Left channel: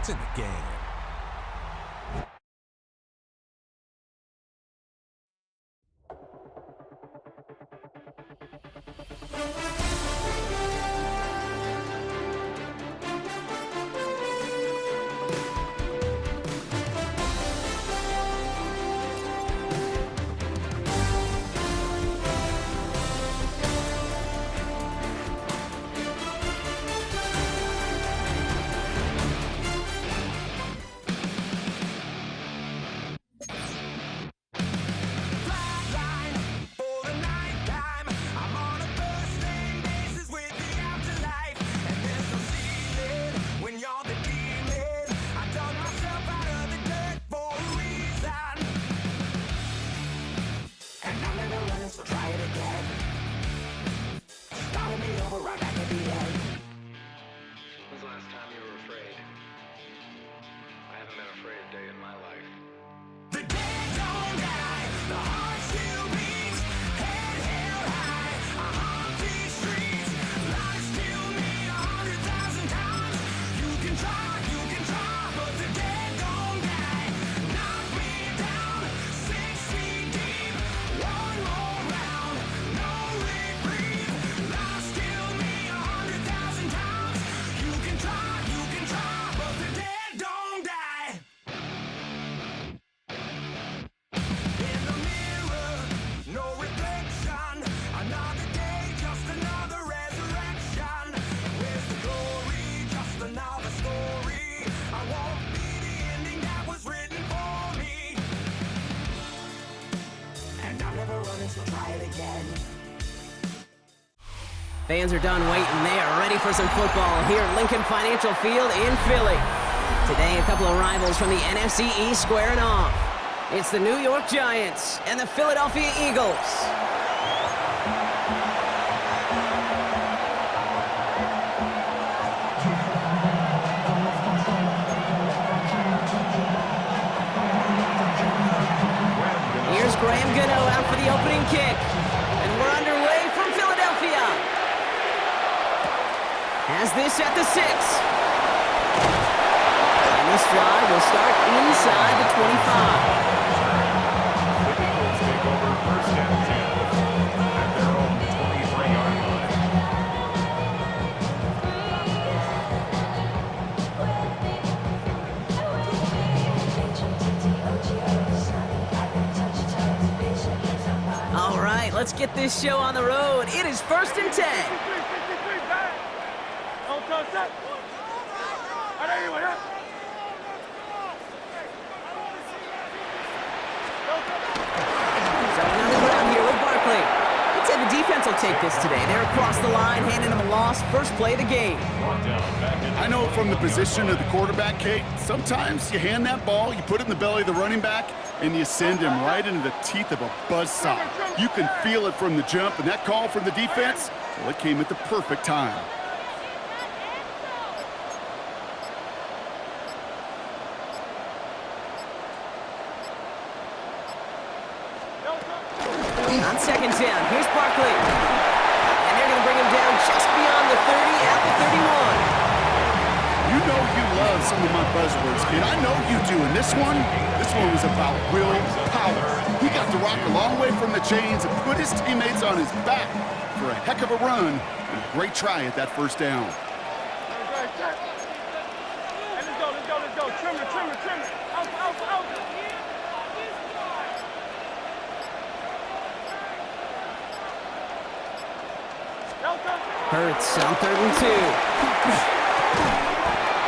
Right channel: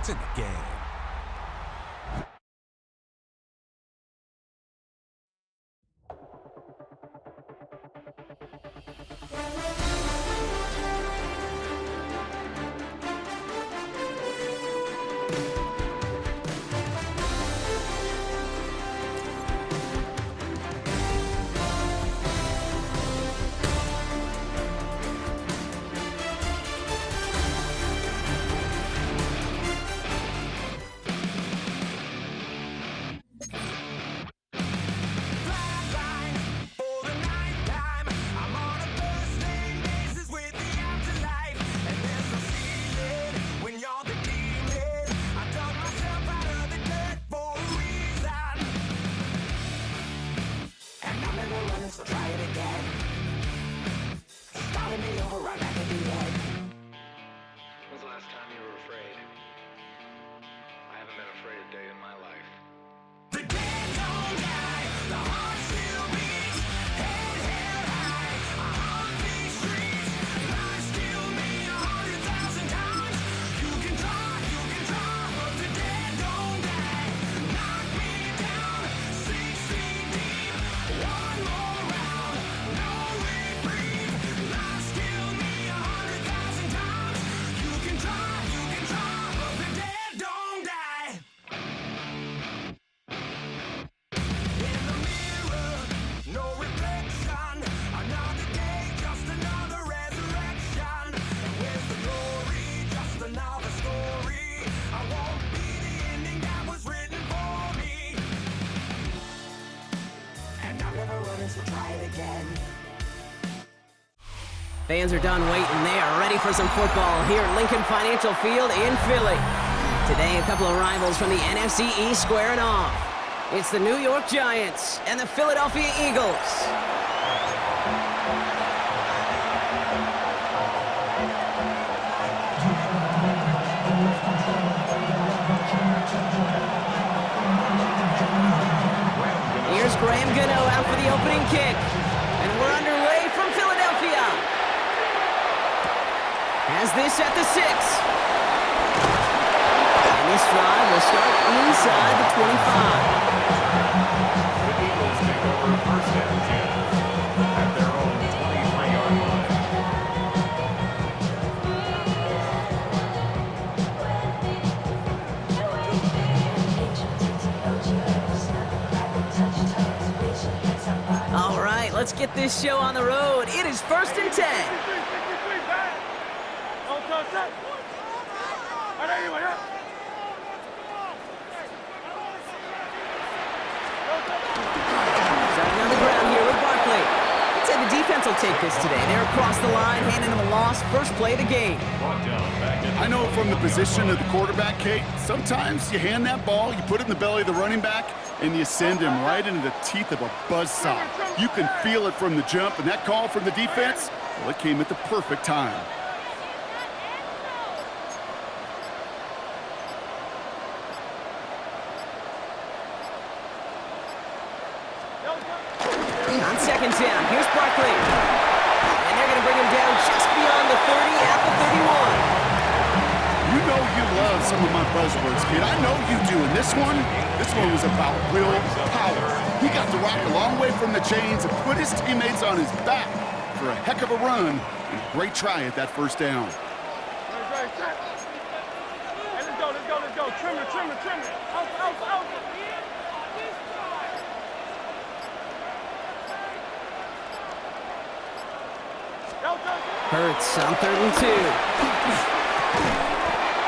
It's in the game. So try it again. Started me over right back at the end. When's the last time you were afraid? I haven't been afraid a day in my life. The dead don't die, the heart still beats, head held high, I haunt these streets, lies kill me 100,000 times. You can try, but the dead don't die. Knock me down, 6 feet deep, one more round, no reprieve. Lies kill me 100,000 times. You can try, but the dead don't die. In the mirror, no reflection. Another day, just another resurrection. Where's the glory? Just another story. I won't be the ending that was written for me. And I'm never running, so try it again. Fans are done waiting. They are ready for some football here at Lincoln Financial Field in Philly. Today, a couple of rivals from the NFC East squaring off. It's the New York Giants and the Philadelphia Eagles. Here's Graham Gano out for the opening kick. And we're underway from Philadelphia. Has this at the 6. And this drive will start inside the 25. The Eagles take over first and 10 at their own 23-yard line. All right, let's get this show on the road. It is first and 10. Starting on the ground here with Barkley. I'd say the defense will take this today. They're across the line, handing them a loss. First play of the game. Brought down back at I know from the position of the quarterback, Kate, sometimes you hand that ball, you put it in the belly of the running back, and you send him right into the teeth of a buzzsaw. You can feel it from the jump, and that call from the defense, well, it came at the perfect time. On second down, here's Barkley. And they're going to bring him down just beyond the 30 at the 31. You know you love some of my buzzwords, kid. I know you do. And this one was about will power. He got the rock a long way from the chains and put his teammates on his back for a heck of a run and a great try at that first down. Hey, let's go. Trim it. Out. Hurts on 3rd and 2.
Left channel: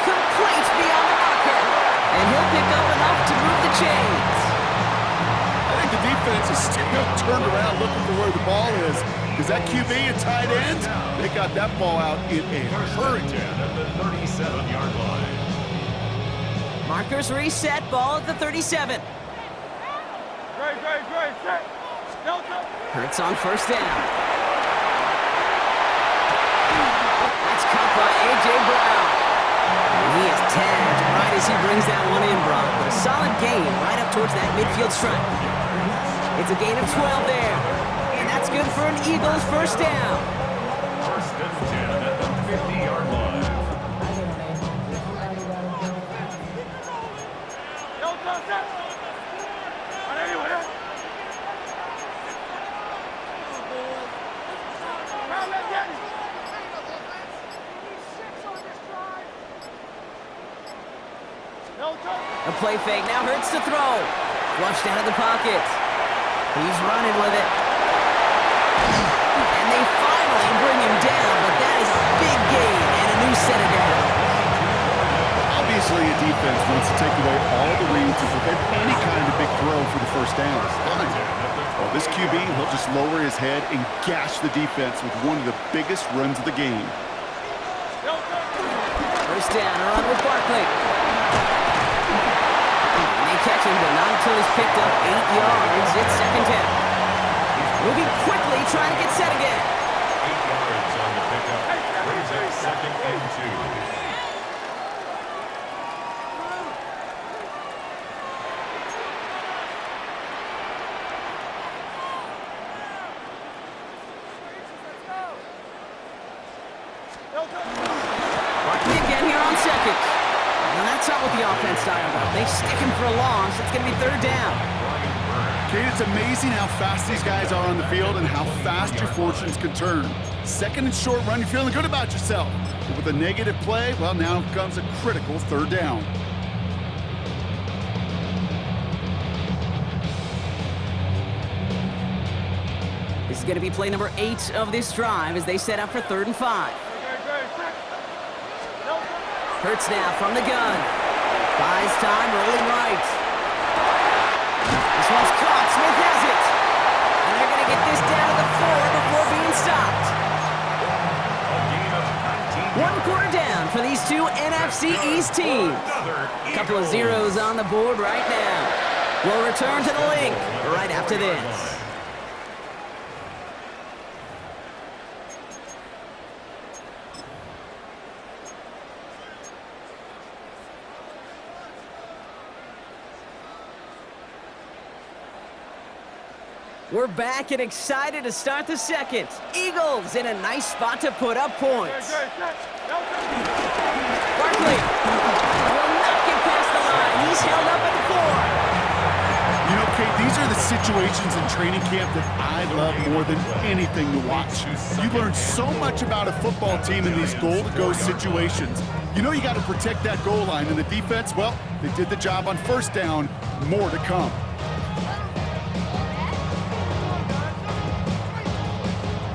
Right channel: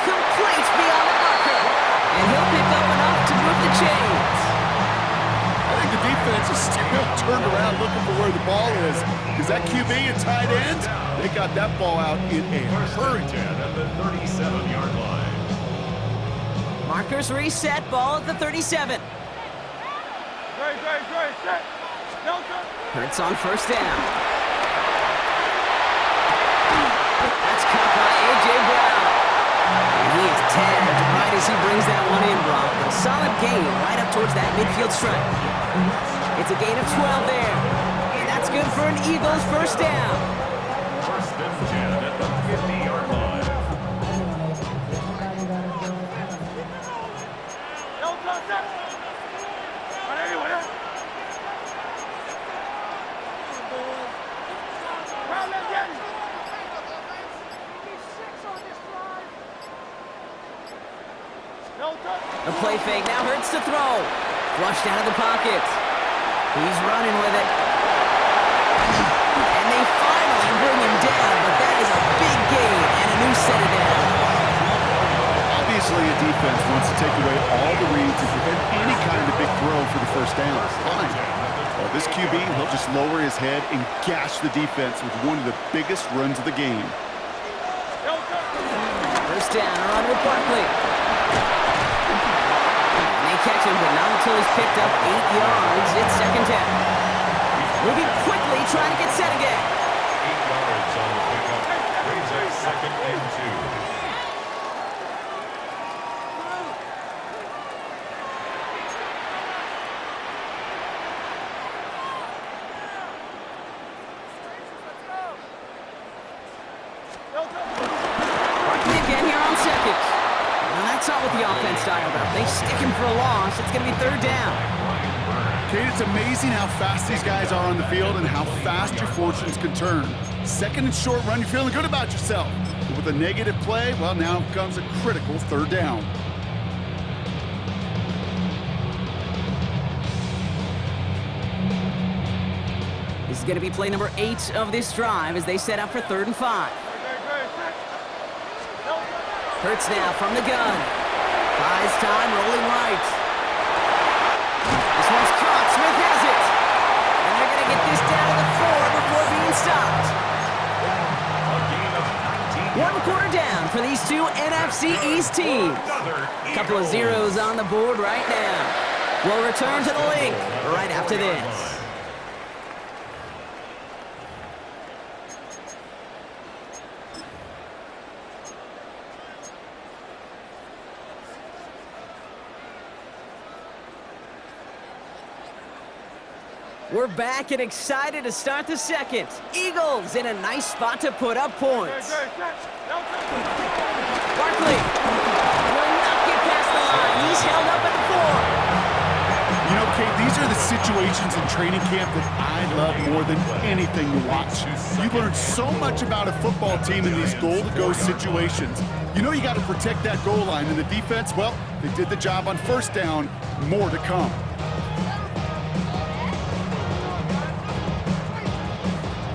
Complete beyond the marker. And he'll pick up enough to move the chains. I think the defense is still turned around looking for where the ball is. Because that QB and tight end, they got that ball out in a hurry. 10 at the 37-yard line. Markers reset, ball at the 37. Great. Set. Hurts on first down. That's caught by A.J. Brown. And he is tagged right as he brings that one in, Brock. But a solid gain right up towards that midfield stripe. It's a gain of 12 there. And that's good for an Eagles first down. First and 10 at the 50-yard line. set. On anyone, eh? Round that Yeti. No touch. A play fake now hurts to throw. Flushed out of the pocket. He's running with it. And they finally bring him down, but that is a big gain and a new set of downs. Obviously, a defense wants to take away all the reads and prevent any kind of big throw for the first down. Fine. Well, this QB, he'll just lower his head and gash the defense with one of the biggest runs of the game. No touch. First down, a run with Barkley. And they catch him, but not until he's picked up 8 yards. It's second down. Moving quickly, trying to get set again. 8 yards on the pickup. Brings up second and 2. Barkley again here on second. Now that's not what the offense dialed up. They stick him for a loss. It's going to be third down. Kate, it's amazing how fast these guys are on the field and how fast your fortunes can turn. Second and short run, you're feeling good about yourself. But with a negative play, well, now comes a critical third down. This is going to be play number 8 of this drive as they set up for 3rd and 5. Great, set. No touch. Hurts now from the gun. Buys time, rolling right. This one's caught. Smith has it. And they're going to get this down to the 4 before being stopped. A gain of 19 One quarter down for these two NFC East teams. A couple of zeros on the board right now. We'll return to the link right after this. We're back and excited to start the second. Eagles in a nice spot to put up points. Great, set. No touch. Barkley will not get past the line. He's held up at the 4. You know, Kate, these are the situations in training camp that I love more than anything to watch. You learn so much about a football team in these goal-to-go situations. You know you got to protect that goal line, and the defense, well, they did the job on first down. More to come.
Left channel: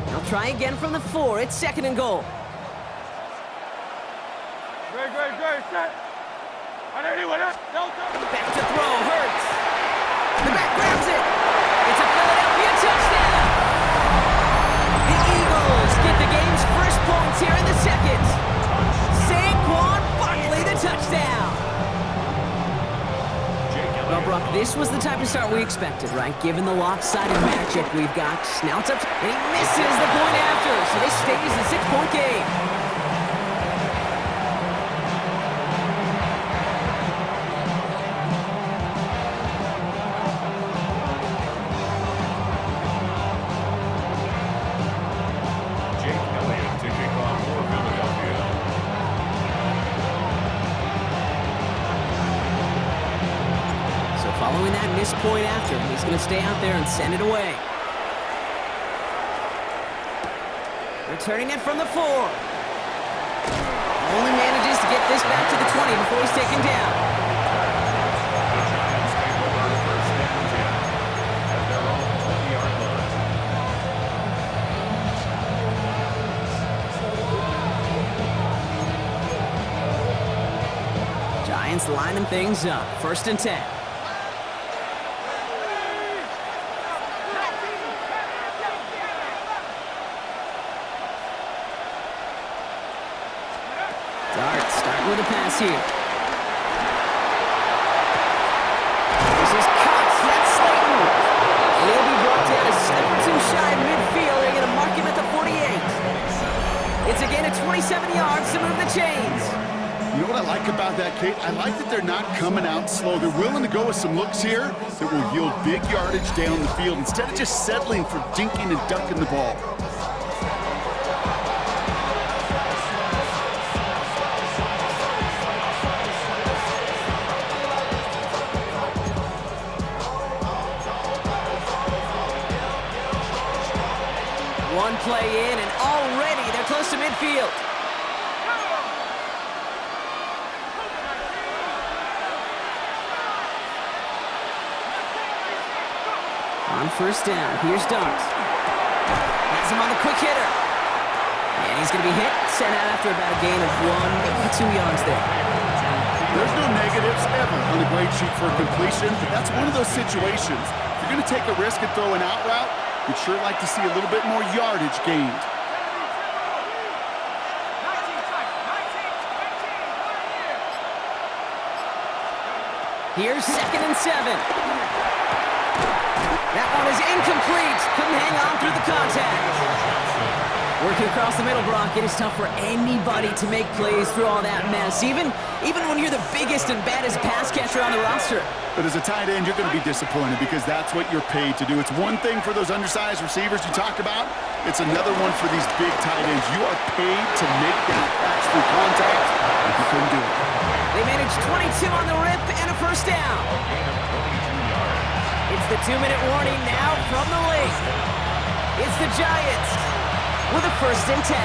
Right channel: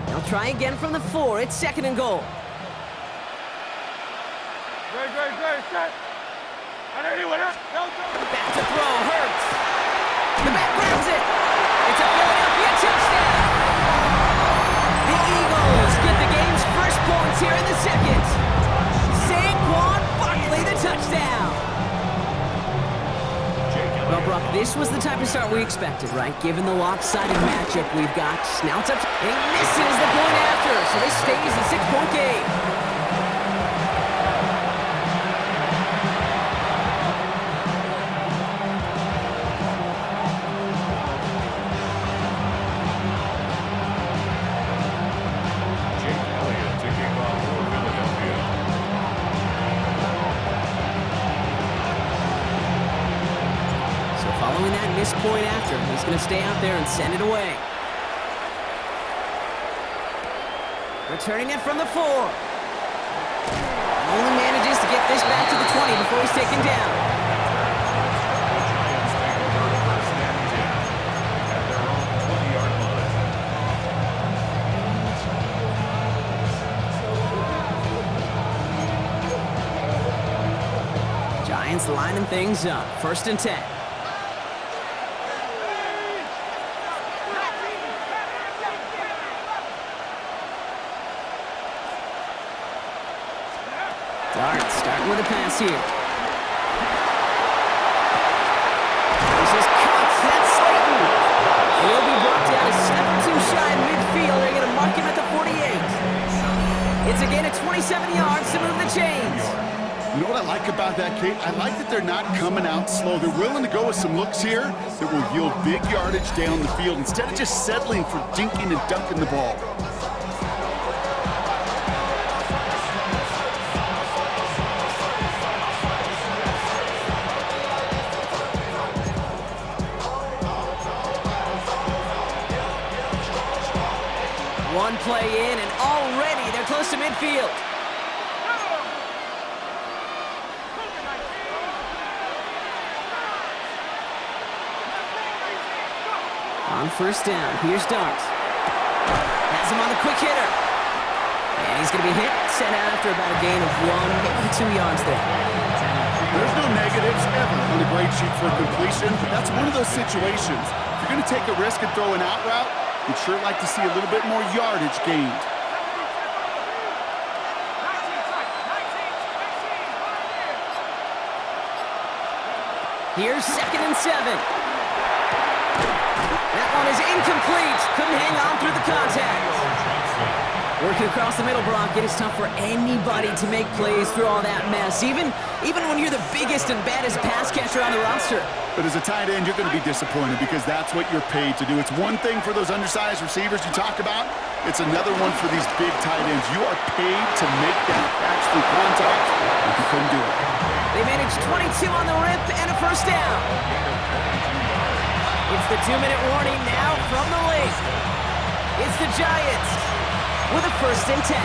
They'll try again from the 4. It's 2nd and goal. Great, set. On anyone, eh? No touch. Back to throw. Hurts. The back grabs it. It's a Philadelphia touchdown. The Eagles get the game's first points here in the second. Saquon Barkley, the touchdown. Well, Brock, this was the type of start we expected, right? Given the lopsided matchup we've got. Now it's up to, and he misses the point after, so this stays a 6-point game. Jake Elliott to kick off for Philadelphia. So following that missed point after, he's going to stay out there and send it away. Returning it from the 4. Only manages to get this back to the 20 before he's taken down. The Giants take over first and 10 at their own 20-yard line. Giants lining things up. 1st and 10. Dart starting with a pass here. This is Cox. That's Slayton. And he'll be brought down a step or two shy of midfield. They're going to mark him at the 48. It's a gain of 27 yards to move the chains. You know what I like about that, Kate? I like that they're not coming out slow. They're willing to go with some looks here that will yield big yardage down the field instead of just settling for dinking and dunking the ball. One play in, and already they're close to midfield. On first down, here's Dart. Has him on the quick hitter. And he's going to be hit, sent out after about a gain of 1, maybe 2 yards there. There's no negatives ever on a grade sheet for a completion, but that's one of those situations. If you're going to take a risk and throw an out route, you'd sure like to see a little bit more yardage gained. Here's 2nd and 7. That one is incomplete. Couldn't hang on through the contact. Working across the middle, Brock, it is tough for anybody to make plays through all that mess, even when you're the biggest and baddest pass catcher on the roster. But as a tight end, you're going to be disappointed because that's what you're paid to do. It's one thing for those undersized receivers you talk about. It's another one for these big tight ends. You are paid to make that catch through contact, and you couldn't do it. They managed 22 on the rip and a first down. It's the 2-minute warning now from the league. It's the Giants with a 1st and 10.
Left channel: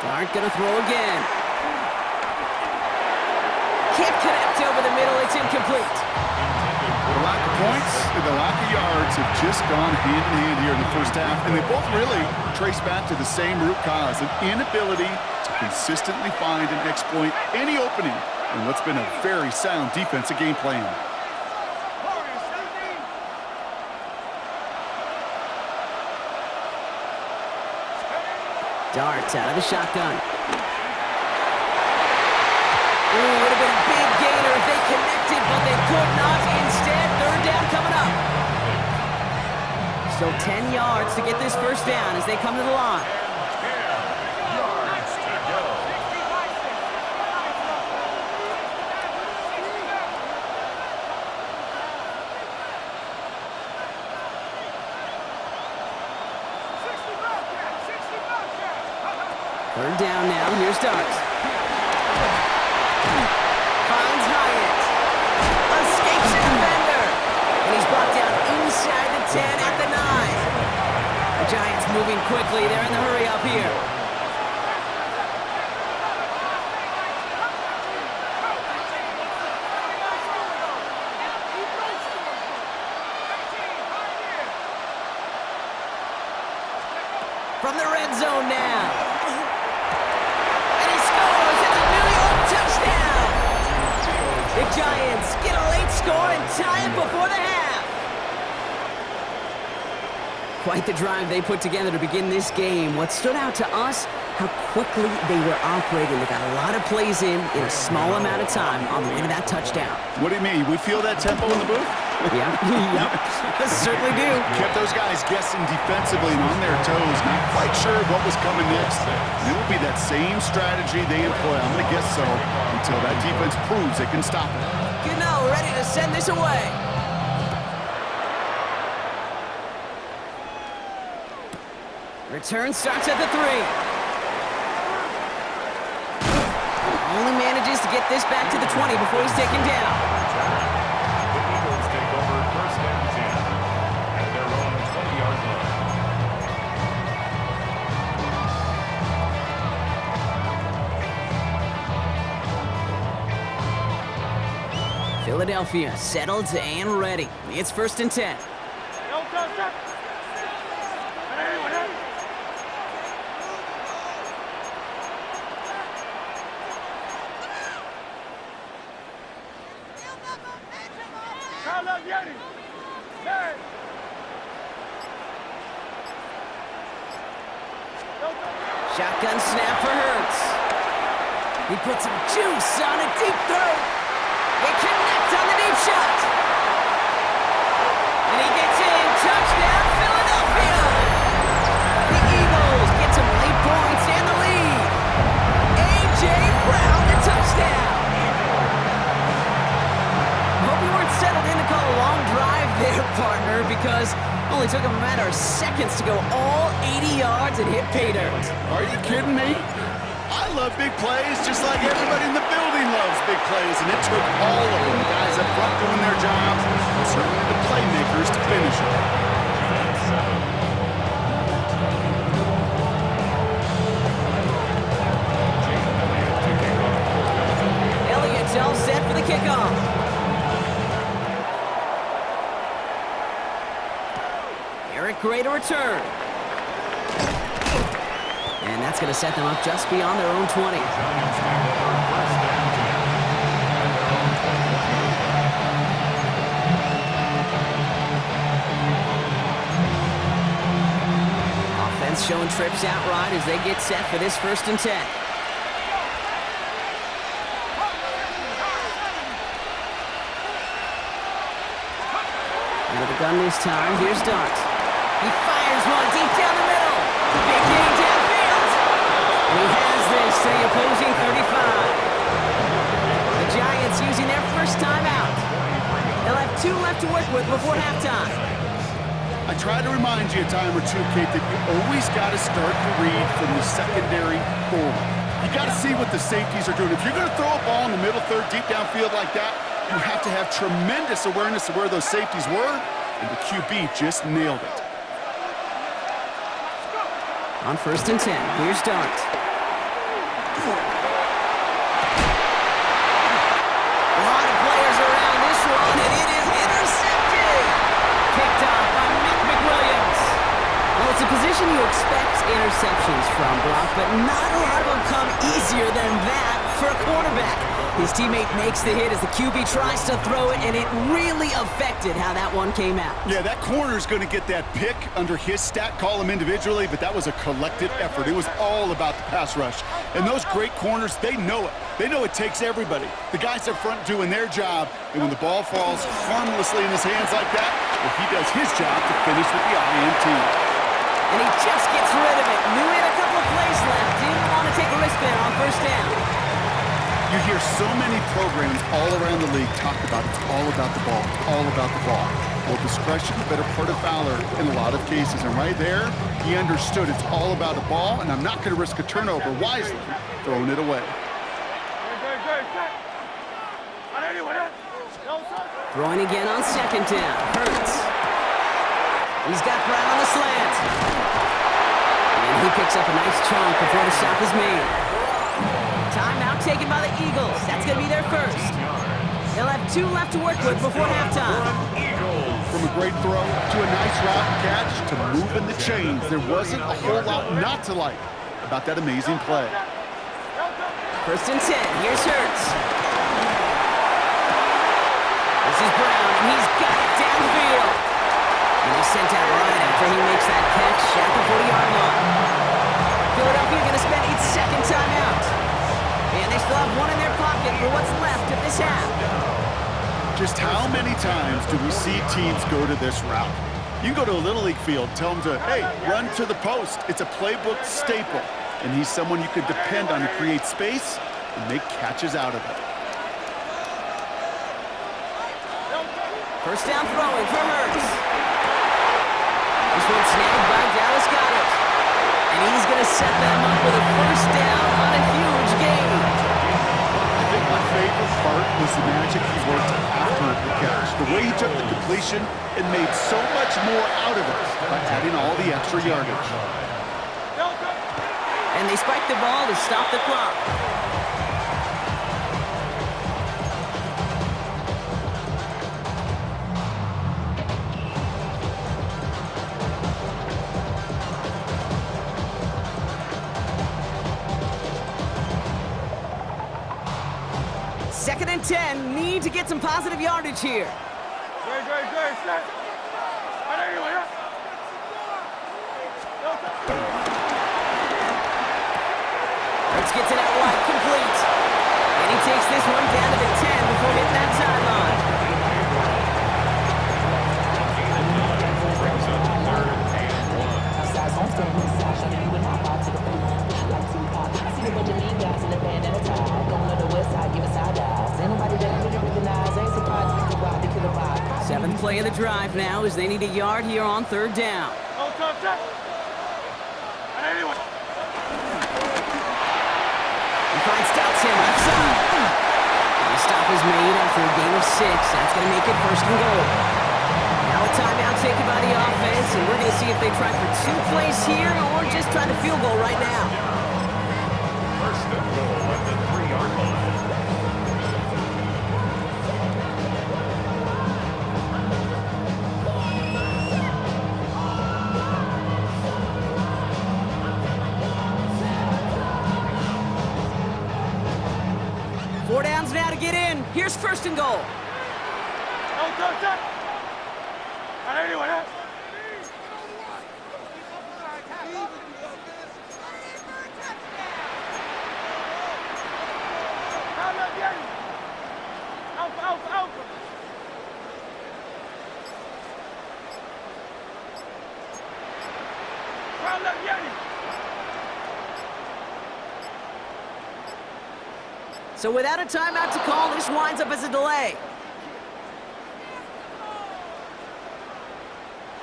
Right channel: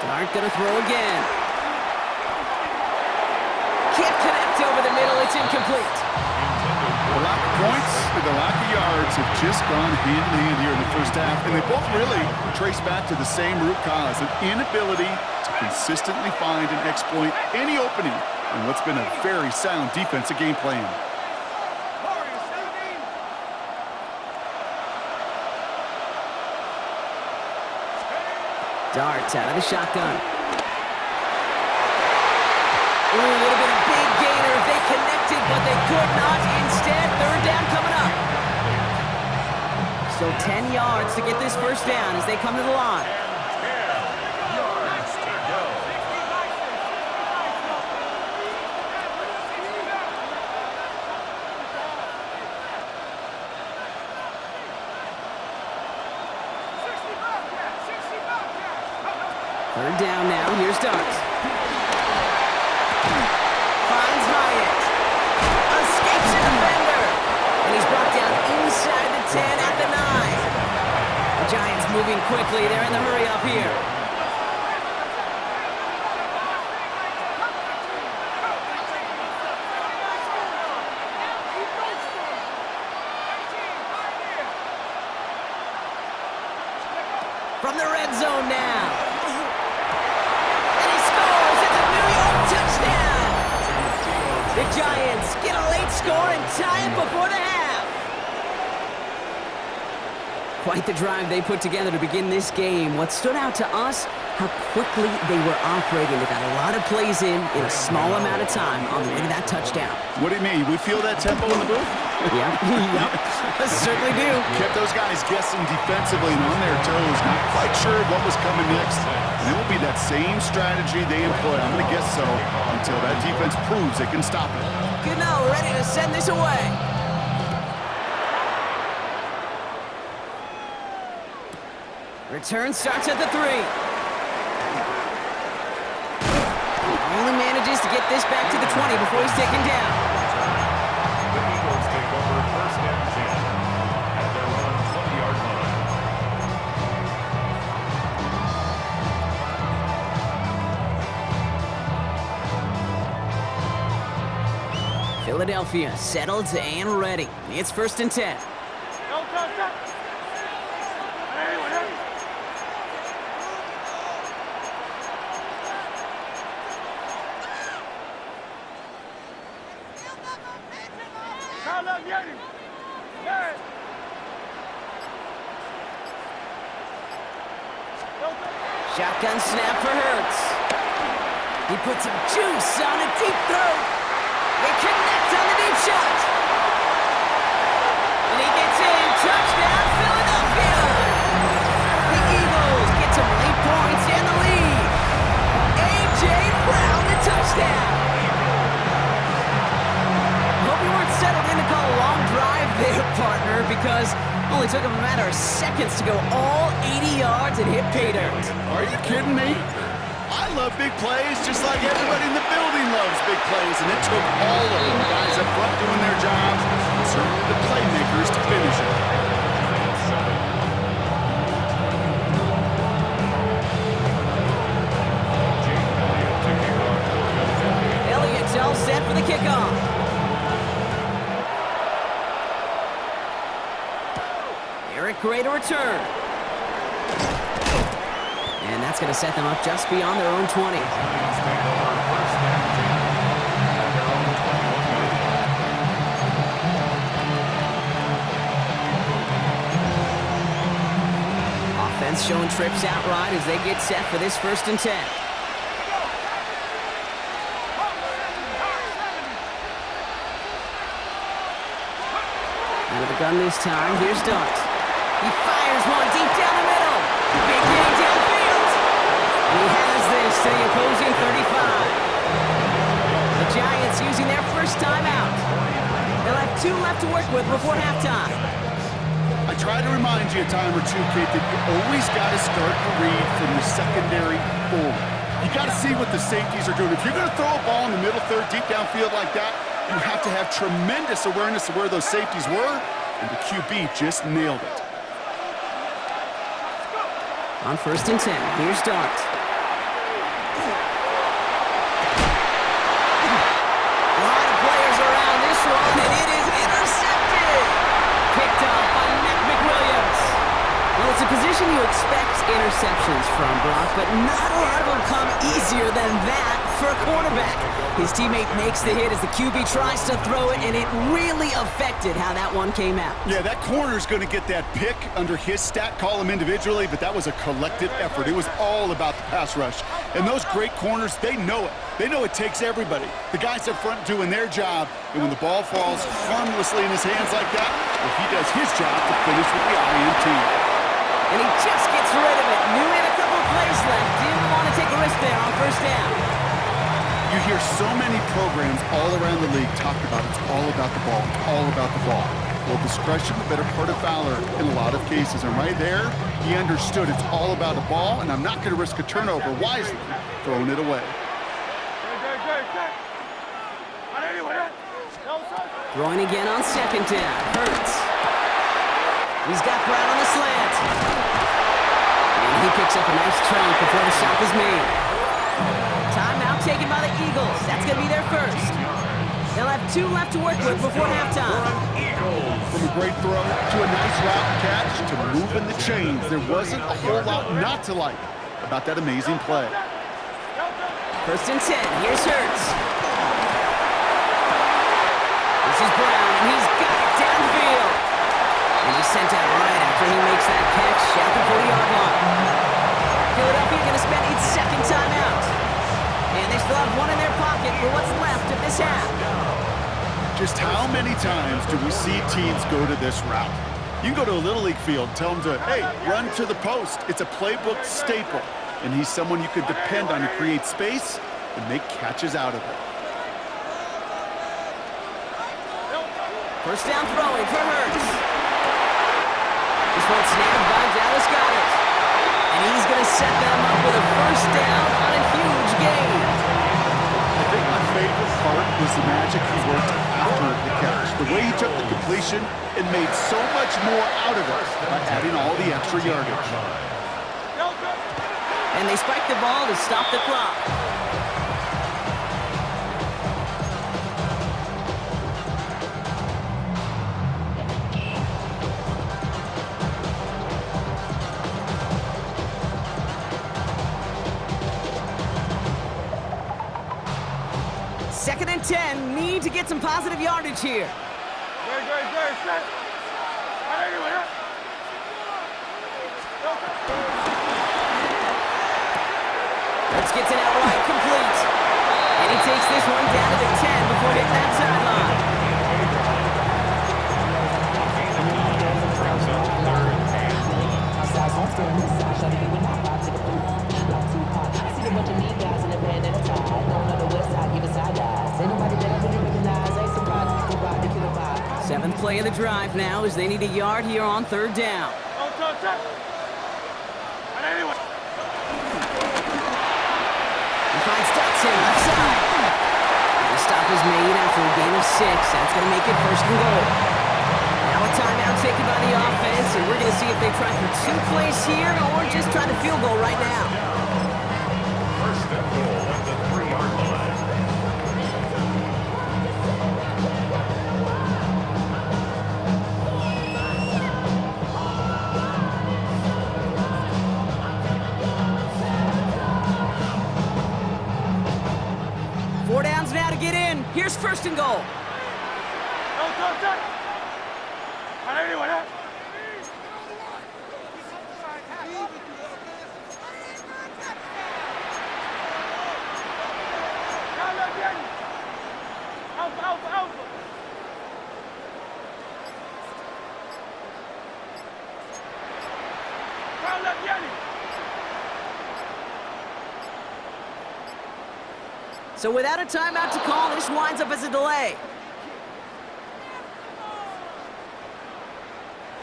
Dart gonna throw again. Can't connect over the middle, it's incomplete. The lack of points and the lack of yards have just gone hand in hand here in the first half, and they both really trace back to the same root cause, an inability to consistently find and exploit any opening in what's been a very sound defensive game plan. Dart out of the shotgun. Ooh, would have been a big gainer if they connected, but they could not. Instead, 3rd down coming up. So 10 yards to get this first down as they come to the line. Third down now, here's Dart. Finds Hyatt. Escapes a defender. And he's brought down inside the 10 at the 9. The Giants moving quickly, they're in the hurry up here. From the red zone now. Touchdown! The Giants get a late score and tie it before the half. Quite the drive they put together to begin this game. What stood out to us, how quickly they were operating. They got a lot of plays in a small amount of time on the way to that touchdown. What do you mean? We feel that tempo in the booth? Yep, certainly do. Kept those guys guessing defensively and on their toes, not quite sure what was coming next. And it will be that same strategy they employ, I'm going to guess so, until that defense proves it can stop it. Gano ready to send this away. Return starts at the 3. Only manages to get this back to the 20 before he's taken down. The Eagles take over 1st and 10 at their own 20-yard line. Philadelphia settled and ready. It's 1st and 10. Don't touch that. Anyone else? Shotgun snap for Hurts. He puts some juice on a deep throw. They connect on the deep shot. And he gets in. Touchdown, Philadelphia. The Eagles get some late points. there, partner, because only took him a matter of seconds to go all 80 yards and hit pay dirt. Are you kidding me? I love big plays just like everybody in the building loves big plays, and it took all of them, the guys up front doing their jobs, and certainly the playmakers to finish it. Giants 7. Jake Elliott to kick off for Philadelphia. Elliott's all set for the kickoff. Eric Gray to return. And that's going to set them up just beyond their own 20. Giants take over first and 10 at their own 21-yard line. Offense showing trips out right as they get set for this 1st and 10. Out of the gun this time, here's Dart. He fires one deep down the middle. Big game downfield. And he has this to the opposing 35. The Giants using their first timeout. They'll have 2 left to work with before halftime. I try to remind you a time or two, Kate, that you always got to start to read from the secondary forward. You got to see what the safeties are doing. If you're going to throw a ball in the middle third, deep downfield like that, you have to have tremendous awareness of where those safeties were, and the QB just nailed it. On 1st and 10, here's Dart. A lot of players around this one, and it is intercepted. Picked off by McWilliams. Well, it's a position you expect interceptions from, Brock, but not a lot of them come easier than that for a quarterback. His teammate makes the hit as the QB tries to throw it, and it really affected how that one came out. Yeah, that corner's going to get that pick under his stat column individually, but that was a collective effort. It was all about the pass rush. And those great corners, they know it. They know it takes everybody. The guys up front doing their job, and when the ball falls harmlessly in his hands like that, well, he does his job to finish with the INT. And he just gets rid of it. Knew he had a couple of plays left. Didn't want to take a risk there on 1st down. You hear so many programs all around the league talk about it's all about the ball. It's all about the ball. Well, discretion, the better part of valor in a lot of cases. And right there, he understood it's all about the ball, and I'm not going to risk a turnover wisely, throwing it away. Throwing again on 2nd down. Hurts. He's got Brown on the slant. And he picks up a nice chunk before the stop is made. Timeout taken by the Eagles. That's going to be their first. They'll have 2 left to work with before halftime. From a great throw to a nice route and catch to moving the chains, there wasn't a whole lot not to like about that amazing play. 1st and 10. Here's Hurts. This is Brown, and he's got it downfield. And he's sent out right after he makes that catch at the 40-yard line. Philadelphia going to spend its 2nd timeout. And they still have 1 in their pocket for what's left of this half. Just how many times do we see teams go to this route? You can go to a Little League field, tell them to, hey, run to the post. It's a playbook staple. And he's someone you could depend on to create space and make catches out of it. 1st down throwing for Hurts. This one snagged by Dallas Goedert. And he's going to set them up with a 1st down on a huge gain. I think my favorite part was the magic he worked after the catch. The way he took the completion and made so much more out of it by adding all the extra yardage. And they spike the ball to stop the clock. Second and 10, need to get some positive yardage here. Set. Hurts gets it out wide, complete. And he takes this one down to the 10 before hitting that sideline. A gain of 9 brings up 3rd and 1. Outside homestead, this side, shawty, you would not vibe to the food. Like Tupac, I see a bunch of mean guys in a band and a tie. Going on the west side, giving side eyes. Ain't nobody that I really recognize. Ain't surprised we can ride the killer vibe. Seventh play of the drive now as they need a yard here on third down. Don't touch that. And anyway. He finds Dotson left side. And the stop is made after a gain of 6. That's going to make it first and goal. Now a timeout taken by the offense, and we're going to see if they try for 2 plays here or just try to field goal right now. First and goal at the 3-yard line. Four downs now to get in. Here's first and goal. Don't touch that. And anyway, that. Alpha, alpha, alpha. Crown left Yeti. So without a timeout to call, this winds up as a delay.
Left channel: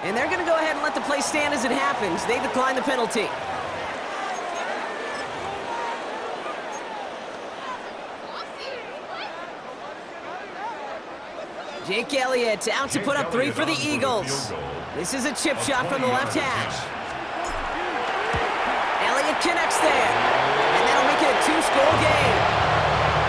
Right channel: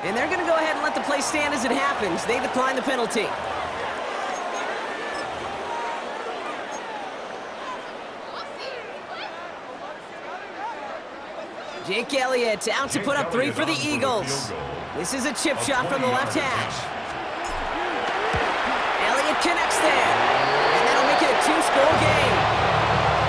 And they're going to go ahead and let the play stand as it happens. They decline the penalty. Jake Elliott out to put up 3 for the Eagles. This is a chip shot from the left hash. Elliott connects there. And that'll make it a 2-score game.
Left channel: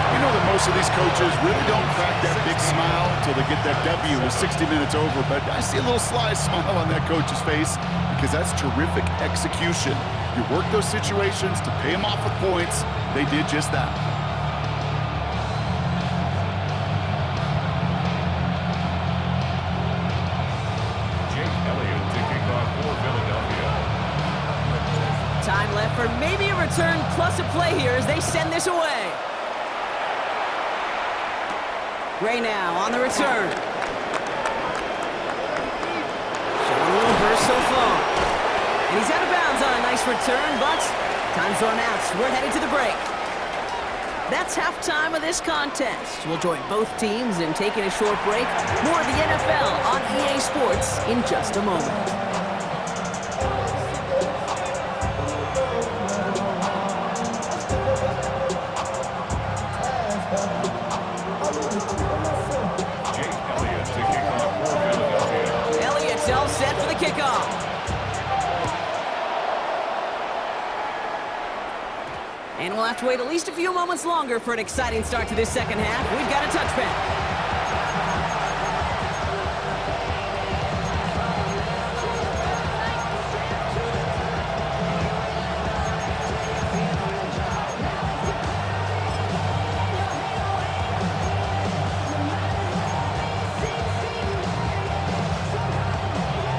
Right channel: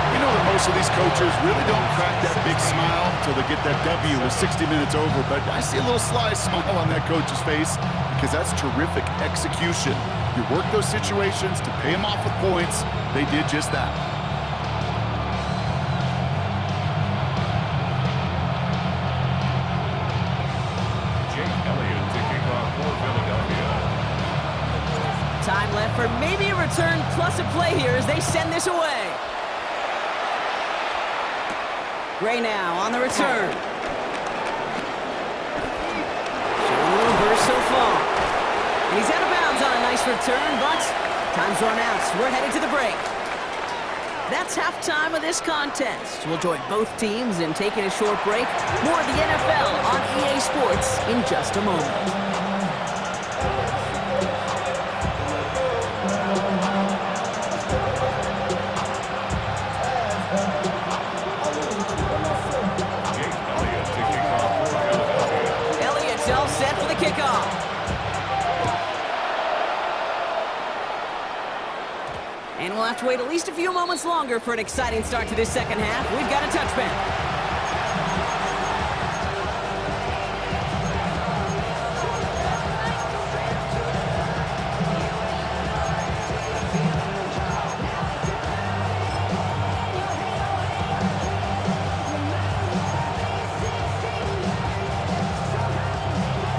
You know that most of these coaches really don't crack that big smile until they get that W with 60 minutes over, but I see a little sly smile on that coach's face because that's terrific execution. You work those situations to pay them off with points. They did just that. Jake Elliott to kick off for Philadelphia. Time left for maybe a return plus a play here as they send this away. Gray now on the return. Showing a little burst so far. And he's out of bounds on a nice return, but time's run out. So we're headed to the break. That's halftime of this contest. We'll join both teams in taking a short break. More of the NFL on EA Sports in just a moment. All set for the kickoff. And we'll have to wait at least a few moments longer for an exciting start to this second half. We've got a touchback.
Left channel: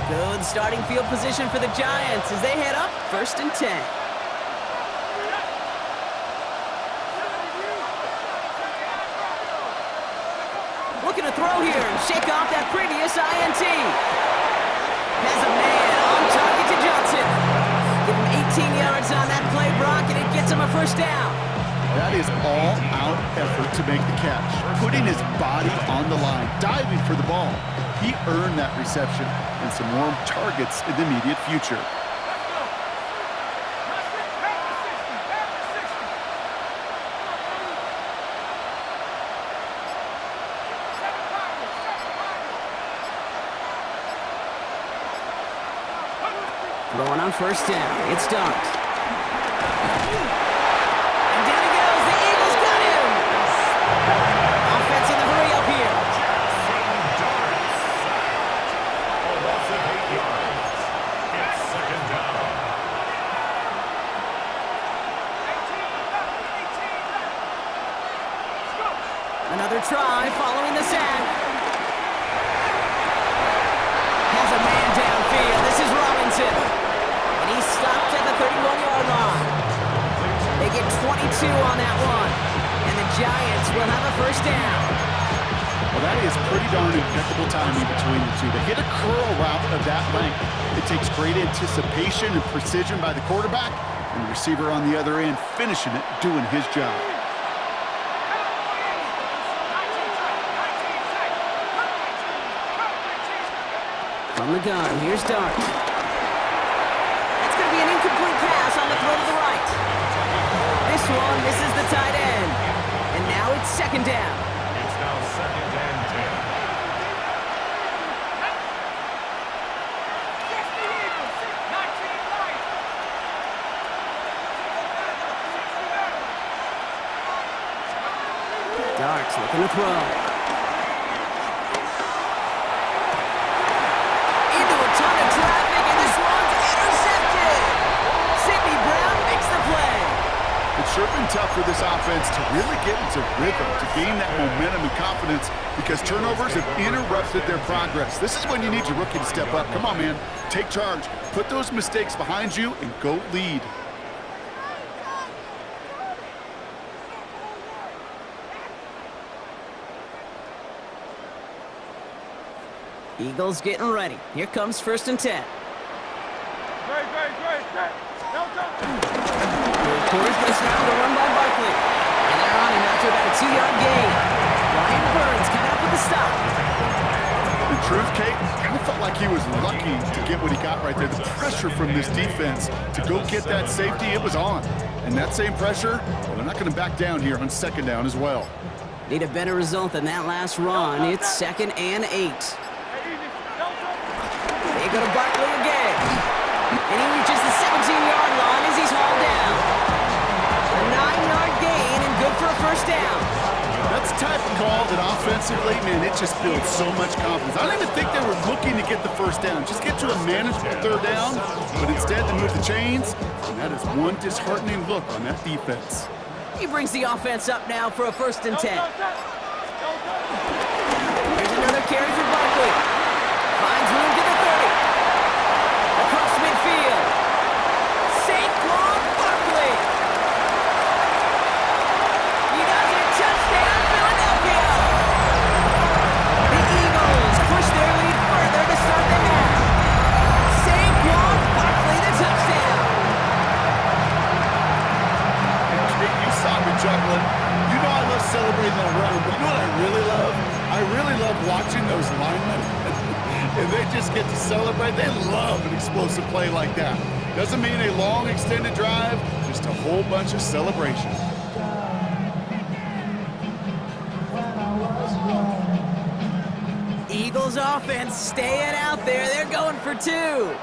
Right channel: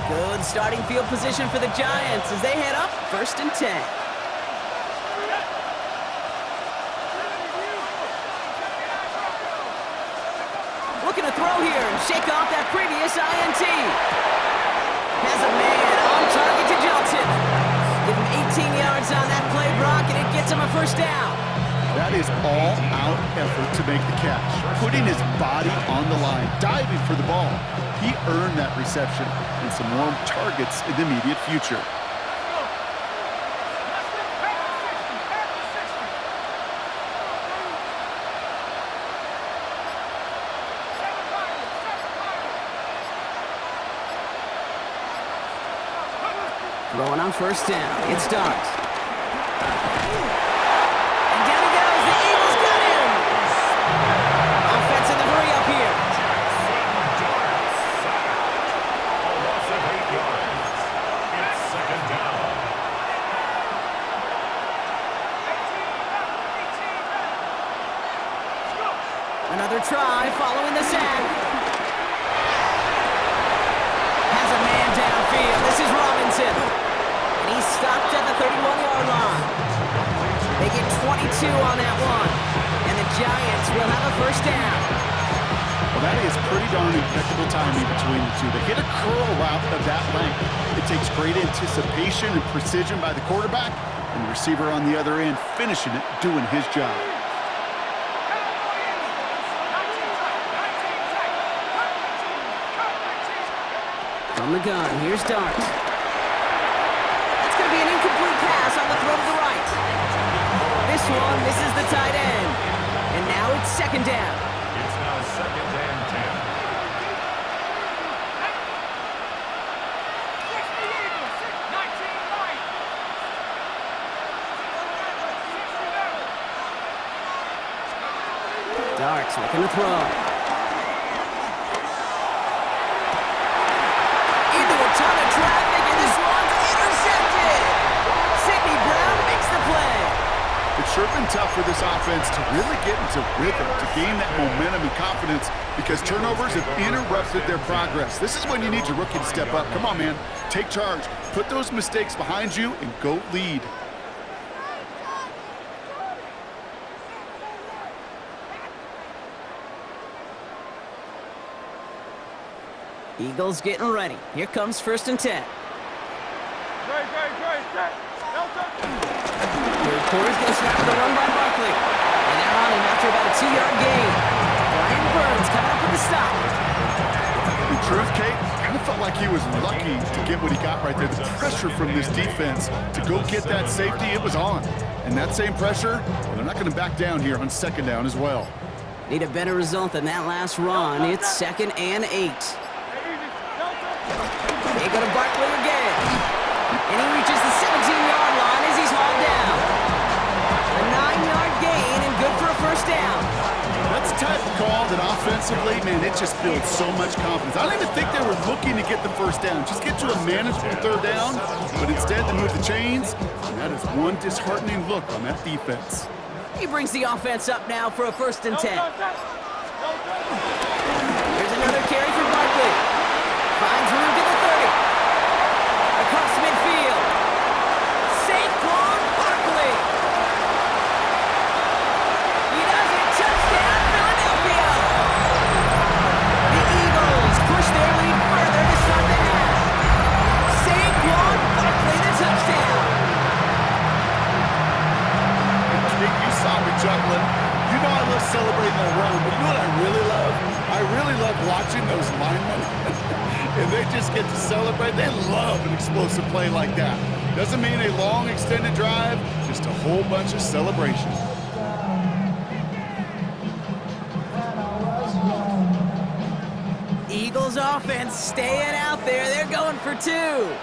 Good starting field position for the Giants as they head up 1st and 10. Looking to throw here and shake off that previous INT. Has a man on target to Johnson. Give him 18 yards on that play, Brock, and it gets him a first down. That is all-out effort to make the catch, putting his body on the line, diving for the ball. He earned that reception and some more targets in the immediate future. Let's go. Let's go. Pass the 60. Pass the 60. Seven Pirates. Throwing on first down. It's Dart. And down he goes. The Eagles got him. Offense in the hurry up here. Of 8 yards. It's second down. 18 left. Let's go. Another try following the sack. Has a man downfield. This is Robinson. And he's stopped at the 31-yard line. They get 22 on that one. And the Giants will have a first down. Well, that is pretty darn impeccable timing between the two. They hit a curl route of that length. It takes great anticipation and precision by the quarterback, and the receiver on the other end finishing it, doing his job. From the gun, here's Dart. That's going to be an incomplete pass on the throw to the right. This one misses the tight end. And now it's second down. It's now 2nd and 10. 60 Eagles, 19 Lions. 60 Dart's looking to throw. Into a ton of traffic, and this one's intercepted. Sidney Brown makes the play. It's sure been tough for this offense to really get into rhythm, to gain that momentum and confidence, because turnovers have interrupted their progress. This is when you need your rookie to step up. Come on, man. Take charge. Put those mistakes behind you and go lead. Eagles getting ready. Here comes 1st and 10. Great, set. Delta. Third quarter's going to start with a run by Barkley. And they're on him after about a 2-yard gain. Brian Burns coming up with the stop. In truth, Kate, kind of felt like he was lucky to get what he got right there. The pressure from this defense to go get that safety, it was on. And that same pressure, well, they're not going to back down here on 2nd down as well. Need a better result than that last run. It's 2nd and 8. Hey, easy. Delta. They go to Barkley again. And he reaches the 17-yard line as he's hauled down. A 9-yard gain and good for a 1st down. That's the type of call that offensively, man, it just builds so much confidence. I don't even think they were looking to get the 1st down. Just get to a manageable 3rd down, but instead they move the chains, and that is one disheartening look on that defense. He brings the offense up now for a 1st and 10. Delta. Here's another carry for Barkley. Finds room to the 30. Across midfield. Saquon Barkley. He does it. Touchdown, Philadelphia. The Eagles push their lead further to start the half. Saquon Barkley, the touchdown. Kate, you saw me juggling. You know I love celebrating that run, but you know what I really love? I really love watching those linemen. And they just get to celebrate. They love an explosive play like that. Doesn't mean a long extended drive, just a whole bunch of celebration. Eagles offense staying out there. They're going for 2. The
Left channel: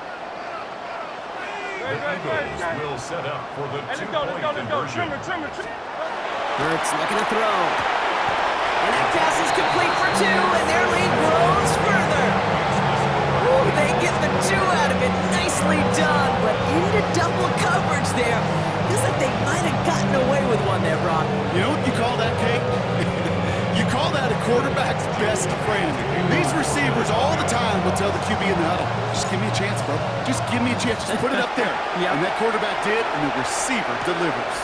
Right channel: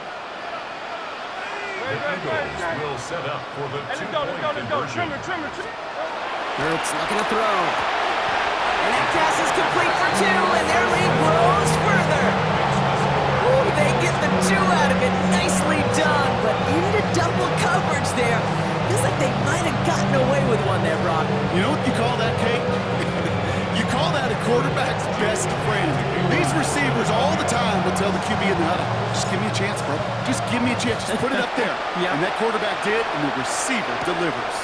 Eagles will set up for the Let's two-point go. conversion. Trimmer. Hurts looking to throw. And that pass is complete for 2, and their lead grows further. Ooh, they get the 2 out of it. Nicely done, but into double coverage there. Feels like they might have gotten away with one there, Brock. You know what you call that, Kate? You call that a quarterback's best friend. These receivers all the time will tell the QB in the huddle, just give me a chance, bro. Just give me a chance. Just put it up there. Yep. And that quarterback did, and the receiver delivers.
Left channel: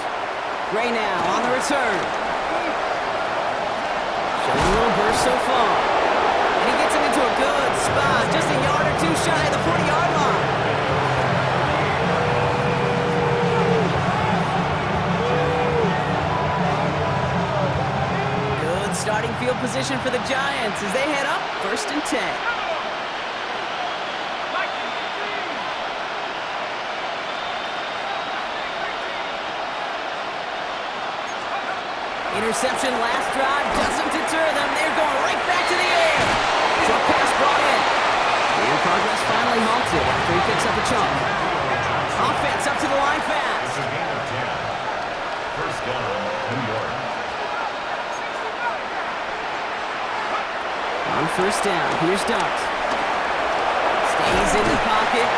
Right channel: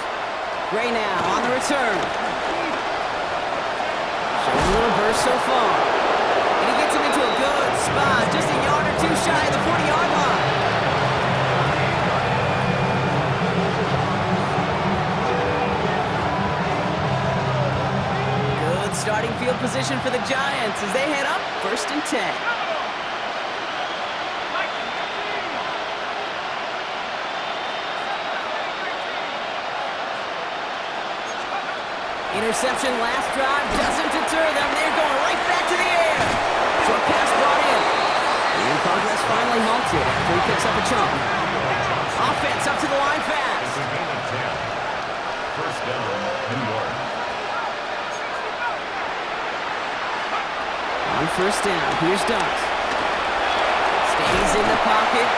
Gray now on the return. Showing a little burst so far. And he gets him into a good spot, just a yard or 2 shy of the 40-yard line. Good starting field position for the Giants as they head up 1st and 10. Interception last drive doesn't deter them. They're going right back to the air. Short pass brought in. And progress finally halted after he picks up a chunk. Offense up to the line It's fast. a gain of 10. 1st down, New York. On 1st down, here's Dart. Stays in the pocket.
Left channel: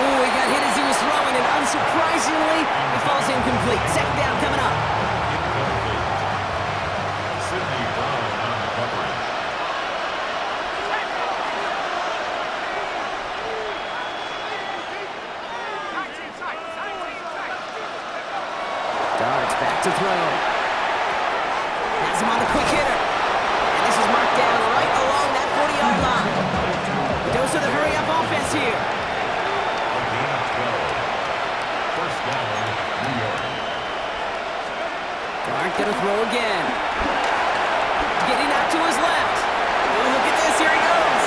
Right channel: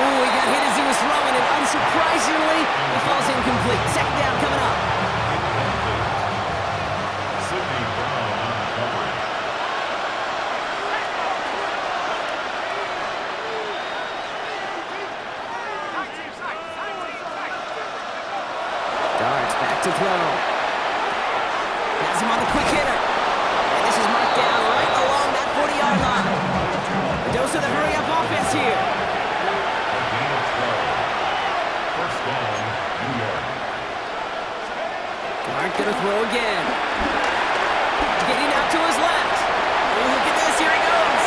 Ooh, he got hit as he was throwing, and unsurprisingly, he falls incomplete. 2nd down coming up. Incomplete. Sidney Brown on the coverage. Dart's back to throw. Has him on the quick hitter. And this is marked down right along that 40-yard line. A dose of the hurry-up offense here. A gain of 12. 1st down, New York. Dart gonna throw again. Getting out to his left. Oh, look at this, here he goes.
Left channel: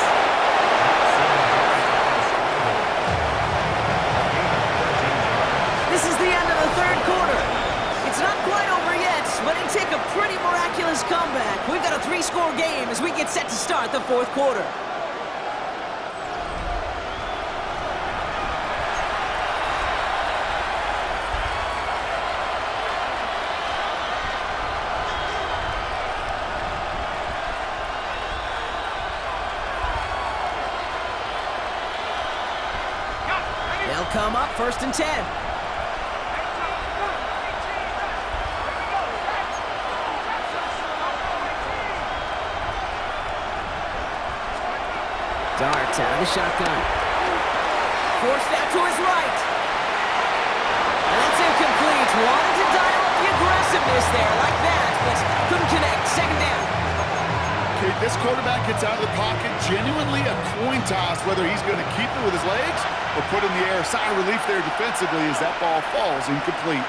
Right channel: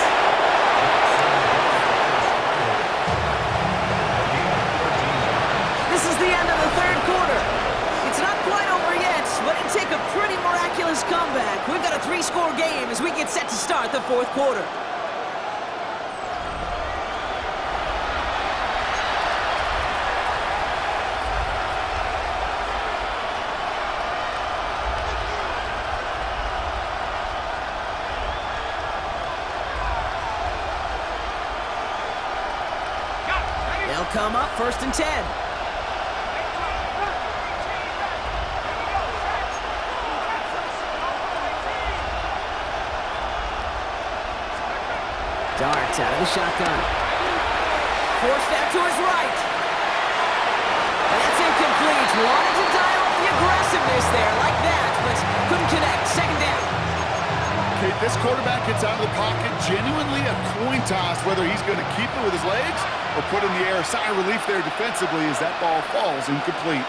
the end of the third quarter. It's not quite over yet, but it'd take a pretty miraculous comeback. We've got a 3-score game as we get set to start the fourth quarter. They'll come up 1st and 10. Dart out of the shotgun. Forced out to his right. And that's incomplete. Wanted to dial up the aggressiveness there like that, but couldn't connect. 2nd down. Okay, this quarterback gets out of the pocket. Genuinely a coin toss whether he's going to keep it with his legs or put in the air. Sigh of relief there defensively as that ball falls incomplete.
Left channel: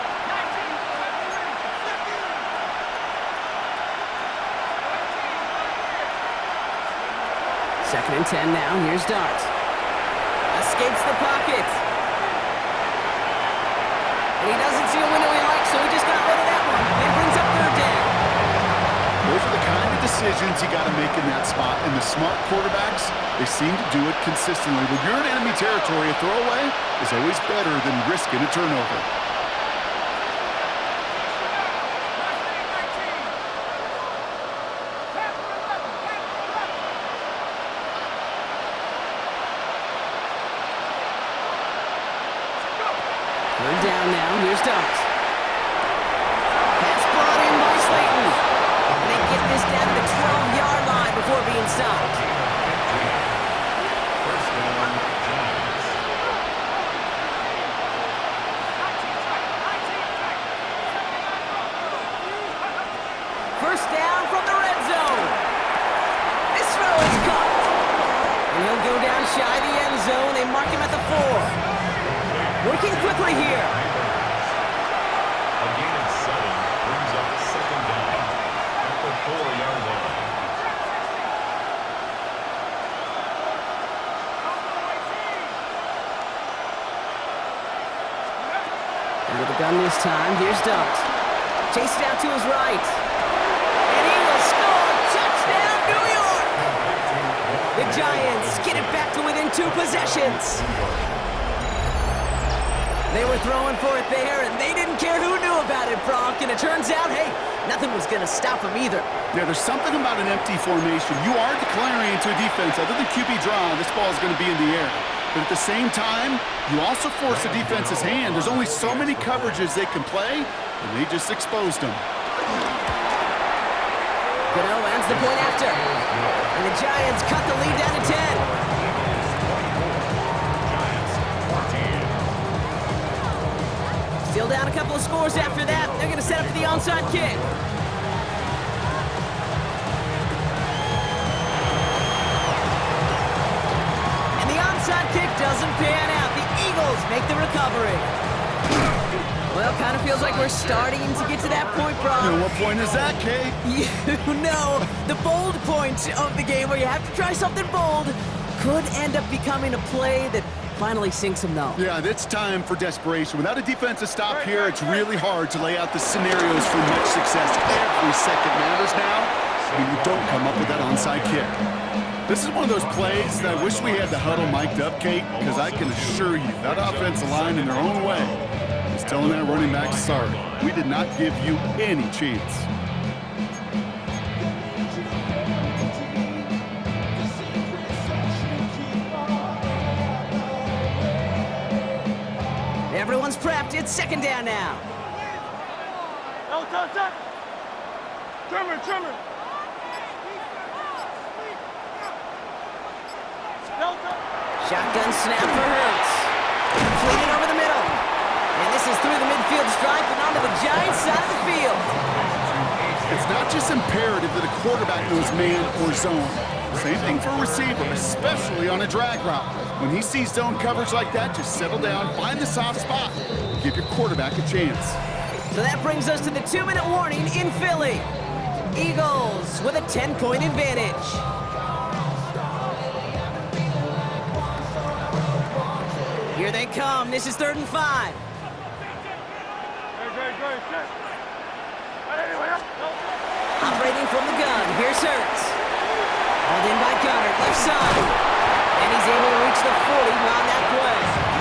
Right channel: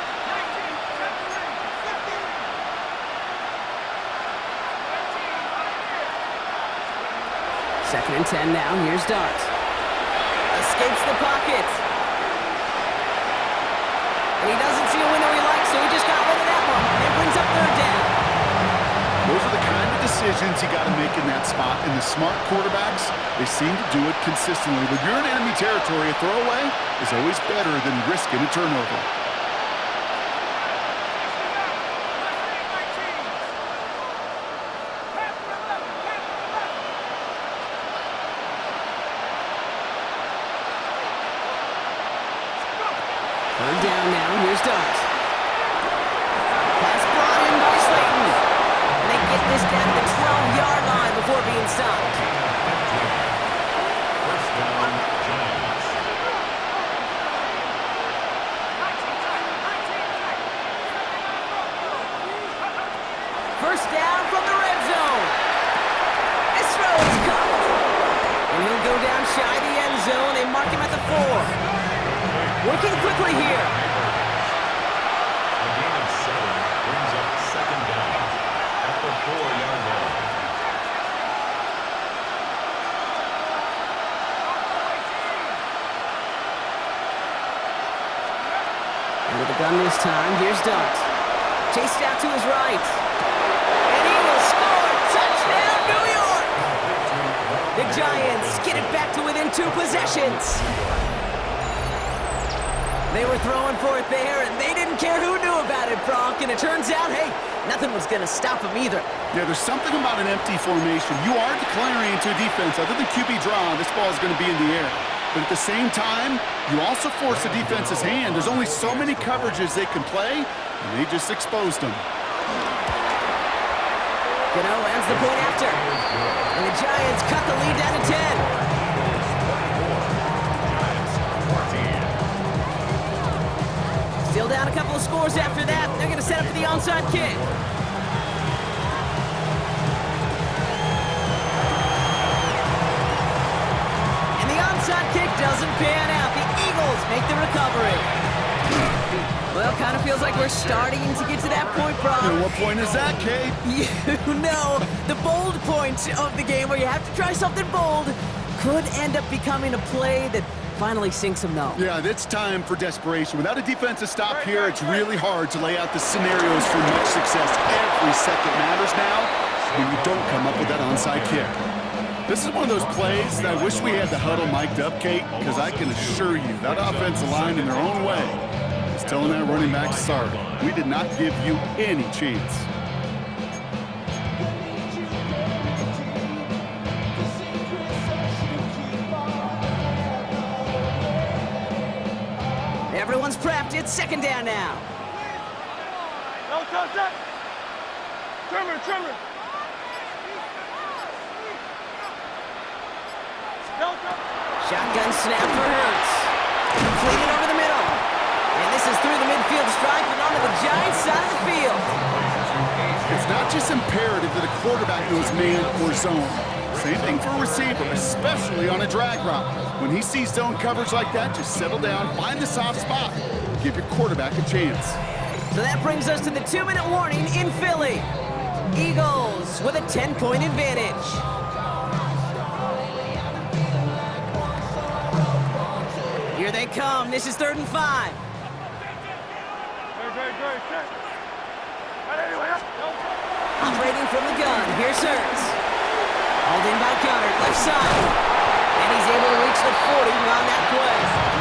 2nd and 10 now. Here's Dart. Escapes the pocket. And he doesn't see a window he likes, so he just got rid of that one. And it brings up 3rd down. Those are the kind of decisions you got to make in that spot. And the smart quarterbacks, they seem to do it consistently. When you're in enemy territory, a throwaway is always better than risking a turnover. Third down now. Here's Dart. Pass brought in by Slayton. And they get this down to the 12-yard line before being stopped. First down, Giants. First down from the red zone. This throw is caught. And he'll go down shy of the end zone. They mark him at the 4. Working quickly here. A gain of 7 brings up 2nd down at the 4-yard line. And with the gun this time, here's Dart. Chased out to his right. And he will score. Touchdown, New York! The Giants get it back to within 2 possessions. They were throwing for it there, and they didn't care who knew about it, Bronk. And it turns out, hey, nothing was going to stop them either. Yeah, there's something about an empty formation. You are declaring to a defense, other than QB draw, this ball is going to be in the air. But at the same time, you also force the defense's hand. There's only so many coverages they can play, and they just exposed them. Gano lands the point after. And the Giants cut the lead down to 10. Giants 14. Still down a couple of scores after that. They're going to set up for the onside kick. And the onside kick doesn't pan out. The Eagles make the recovery. Well, kind of feels like we're starting to get to that point, Bron. And what point is that, Kate? You know, the bold point of the game where you have to try something bold could end up becoming a play that finally sinks them though. Yeah, it's time for desperation. Without a defensive stop here, it's really hard to lay out the scenarios for much success. Every second matters now when you don't come up with that onside kick. This is one of those plays that I wish we had the huddle mic'd up, Kate, because I can assure you that offensive line in their own way is telling that running back, sorry, we did not give you any chance. Everyone's prepped. It's 2nd down now. No, touch. Trimmer. No, touch. Shotgun snap for Hurts. Completed over the middle. And this is through the midfield stripe and onto the Giants side of the field. It's not just imperative that a quarterback knows man or zone. Same thing for a receiver, especially on a drag route. When he sees zone coverage like that, just settle down, find the soft spot, give your quarterback a chance. So that brings us to the 2-minute warning in Philly. Eagles with a 10-point advantage. Here they come. This is 3rd and 5. Very good. Set. Anyway, no good. Operating from the gun, here's Hurts. Hauled in by Gunner, left side. And he's able to reach the 40 on that play.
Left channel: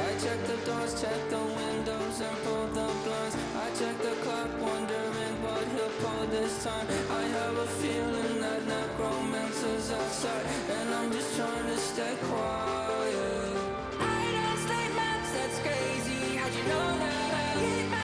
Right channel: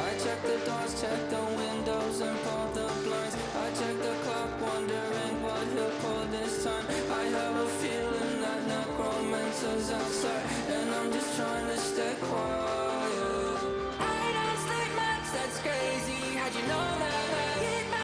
I check the doors, check the windows, and pull the blinds. I check the clock, wondering what he'll pull this time. I have a feeling that necromancer's outside, and I'm just trying to stay quiet. I don't sleep much, that's crazy. How'd you know that?